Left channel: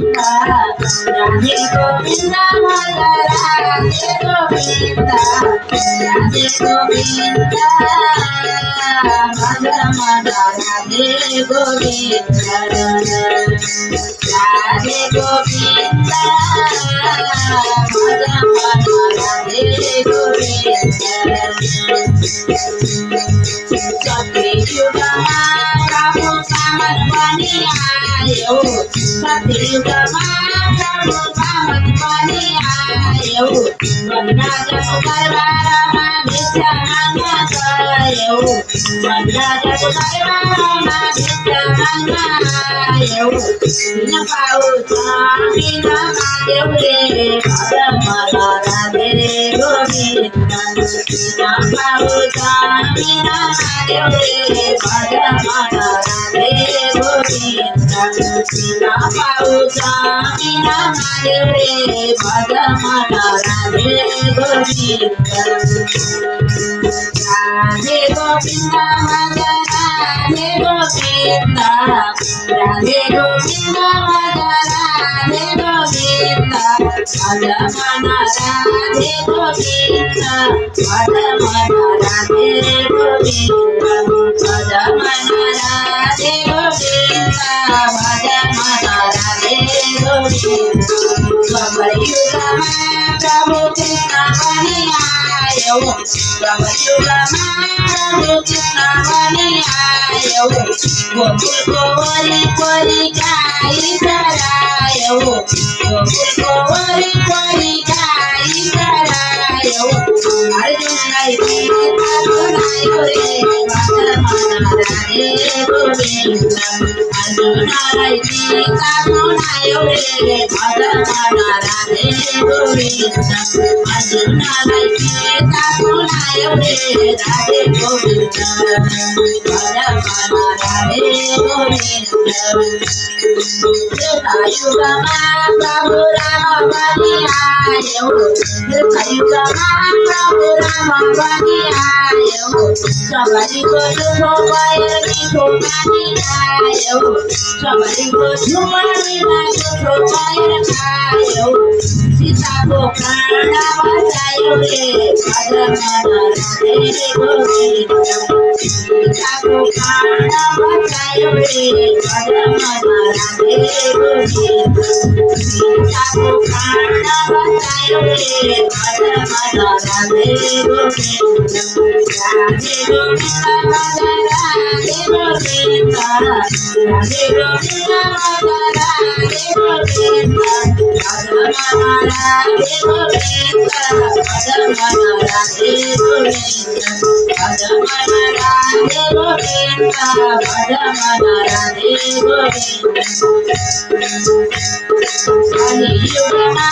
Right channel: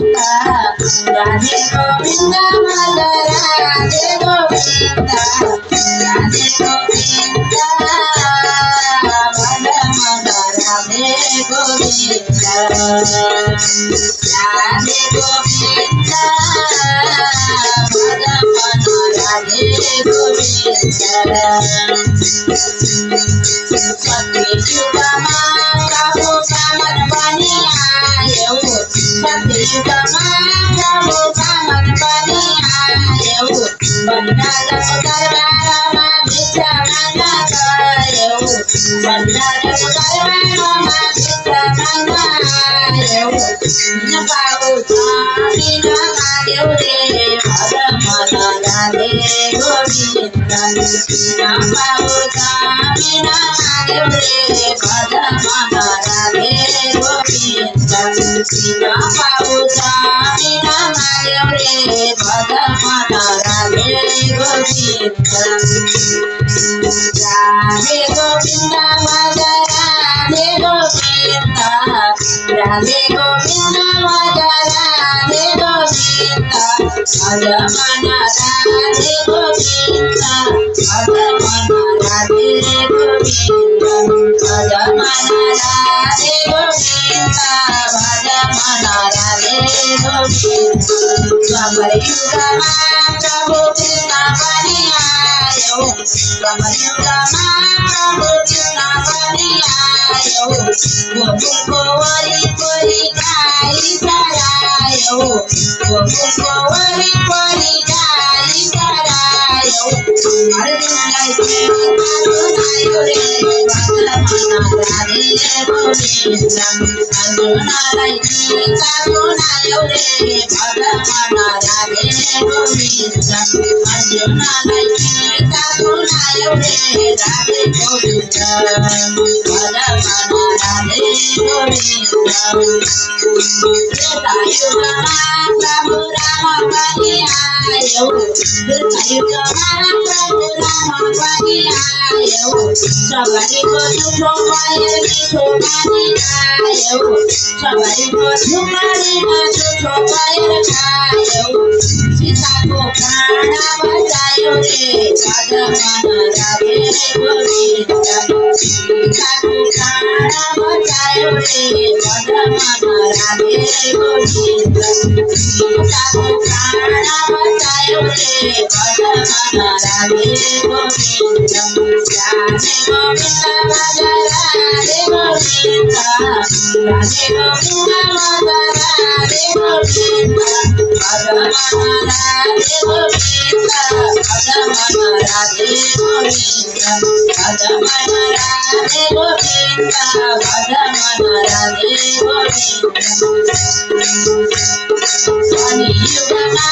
राधे गोविंद माझा राधे गोविंद राधे गोविंद माझा माझा राधे गोविंद राधे गोविंद माझा माझा राधे गोविंद सतयुगमा प्रभु कामत बनी आयो सतयुगमा प्रभु कामत बनी आयो बनराज दरबारमा भिक्षा माग्न गयो बनराज दरबारमा भिक्षा माग्न आयो बिन पाउ बिन माग्यो रे भद मन राधे गोविंद बिन पाउ बिन माग्यो रे भद मन राधे गोविंद बिन पाउ बिन माग्यो रे भद मन राधे गोविंद राधे गोविंद भज राधे गोविंद राधे गोविंद भज राधे गोविंद भज मन राधे गोविंद भज मन राधे गोविंद भज मन राधे गोविंद भज मन राधे गोविंद द्वापरयुगमा प्रभु कृष्ण बनी आयो द्वापरयुगमा प्रभु कृष्ण बनी आयो गोकुल गोवरी कोरी गाई चरायो गोकुल गोवरी कोरी गाई चरायो अर्जुनलाई गीता सुनायो रे भद मन राधे गोविंद अर्जुनलाई गीता सुनायो रे भद मन राधे गोविंद अर्जुनलाई गीता सुनायो रे राधे गोविंद भद मन राधे गोविंद त्रेतायुगमा प्रभु राम बनी आयो त्रेतायुगमा प्रभु राम बनी आयो सबरीको झुमो भयो मिठो पानी खायो सबरीको झुमरीमा झुठो भयो खायो सीताको प्राण बचायो रे भद मन राधे गोविंद सीताको प्राण बचायो रे भद मन राधे गोविंद सीताको प्राण बचायो रे भद मन राधे गोविंद राधे गोविंद भज राधे गोविंद राधे गोविंद भज राधे गोविंद भज मन राधे गोविंद भज मन राधे गोविंद भज मन राधे गोविंद भज मन राधे गोविंद कलियुगमा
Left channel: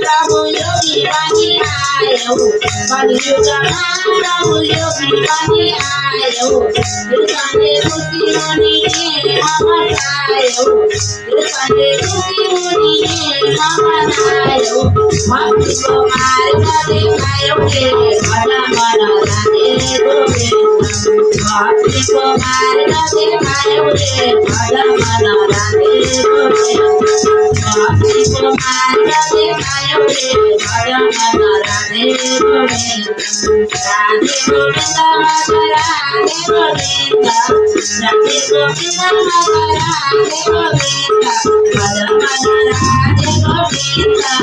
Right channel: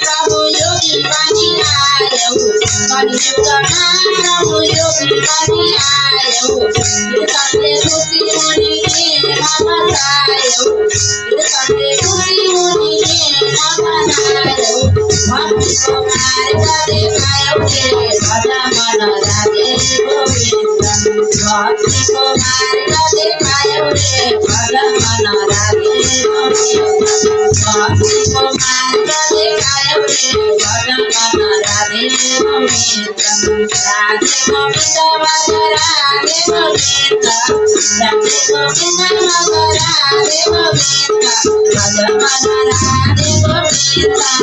प्रभु योगी बनी आयो कलियुगमा प्रभु योगी बनी आयो कृष्णले खुशी मुनि ममतायो कृष्णले खुशी मुनि ममतायो भक्तिको मार्ग देखायो रे भद मन राधे गोविंद भक्तिको मार्ग देखायो रे भद मन राधे गोविंद भक्तिको मार्ग देखायो रे भद मन राधे गोविंद राधे गोविंद भज राधे गोविंद राधे गोविंद भज राधे गोविंद भज मन राधे गोविंद भज मन राधे गोविंद भज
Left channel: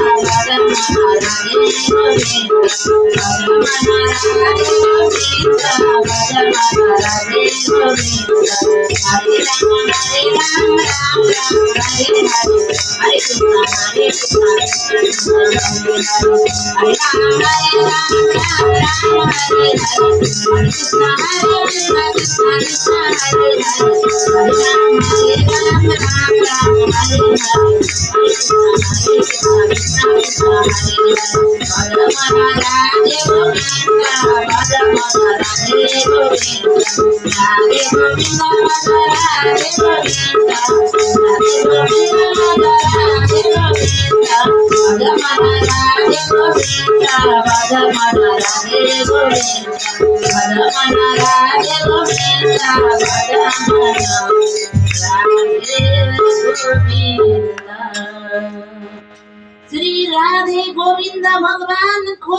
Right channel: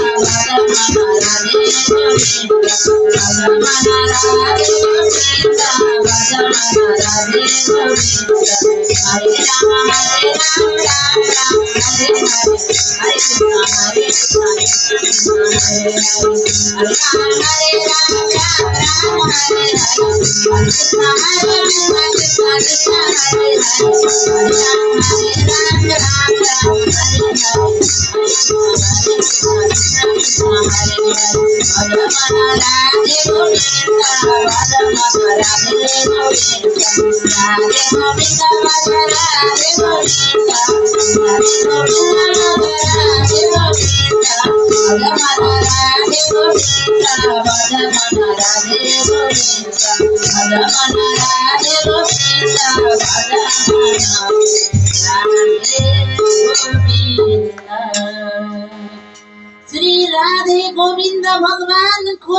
मन राधे गोविंद भज मन राधे गोविंद हरे राम राम राम हरे हरे हरे कृष्ण कृष्ण हरे हरे हरे राम राम राम हरे हरे हरे कृष्ण कृष्ण कृष्ण हरे हरे हरे राम राम राम हरे हरे हरे कृष्ण कृष्ण कृष्ण हरे हरे भज मन राधे गोविंद भज मन राधे गोविंद राधे गोविंद भज राधे गोविंद राधे गोविंद भज राधे गोविंद भज मन राधे गोविंद भज मन राधे गोविंद भज मन राधे गोविंद भज मन राधे श्री राधे गोविंद भगवान को